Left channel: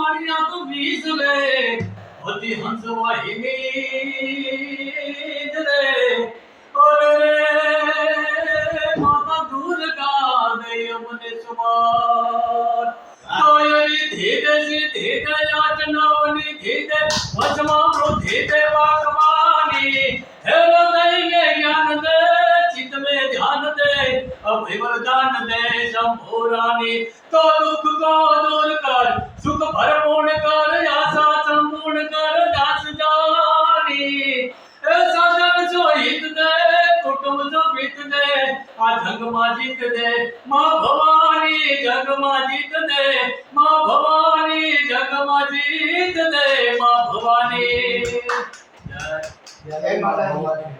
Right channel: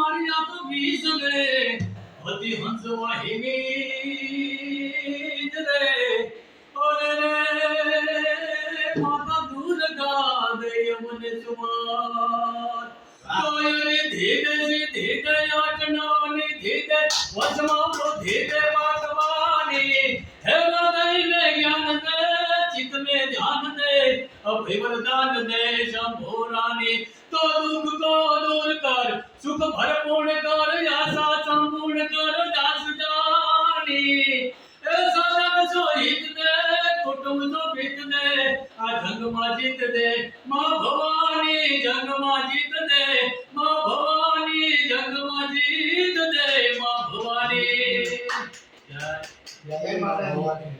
Maria તો વીસ રે હતી હંસ વાહિની રે ઓરે રે માતા દુર્ગા દે અમને સુમાર તોયરી ધીરે સીધે યાચનાની ધીરે વચમાં વૃદ્ધિ પાકવાની હે હૃદયને જ્ઞાન દે ચિત્ત મે ધ્યાન દે અભય વરદાન દે શંભુરાની તો દુઃખ કો દૂર કર સુખ ભરપૂર્ણ કર આશા સંપૂર્ણ કર દાસ જાની એ સજન જો હિત દે કુટુંબ જો પ્રીત દે આ જંગમાં જીત દે માં ભવાની જંગમાં જીત દે માં ભવાની જંગમાં જીત દે માં ભવાની જય જય માતા ભવાની।